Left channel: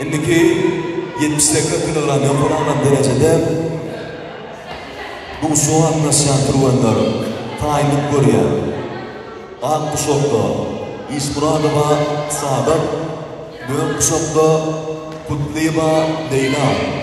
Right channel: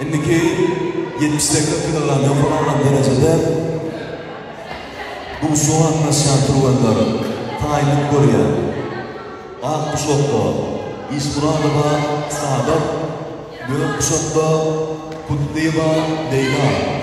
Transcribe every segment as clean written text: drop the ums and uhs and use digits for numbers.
Indiki 78 kilogramdan falan derecede bu soğan nasıl turvanlar tayinlik görüyor. Ağ kuşakta İsmuradova Saadet, Dört kuşakta Kutliba Leyla.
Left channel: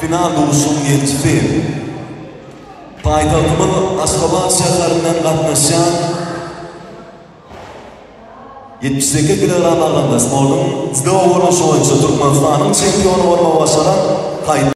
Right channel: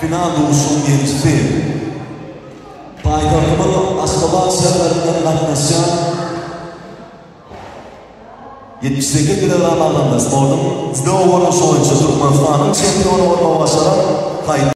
Final olsun yetişti. Payitahtımın Aşgabat seferlerinden katlaşan 78 kilogram alındı. Sportun %10 oyuncu Türkmenistan'ın şampiyonu olma başına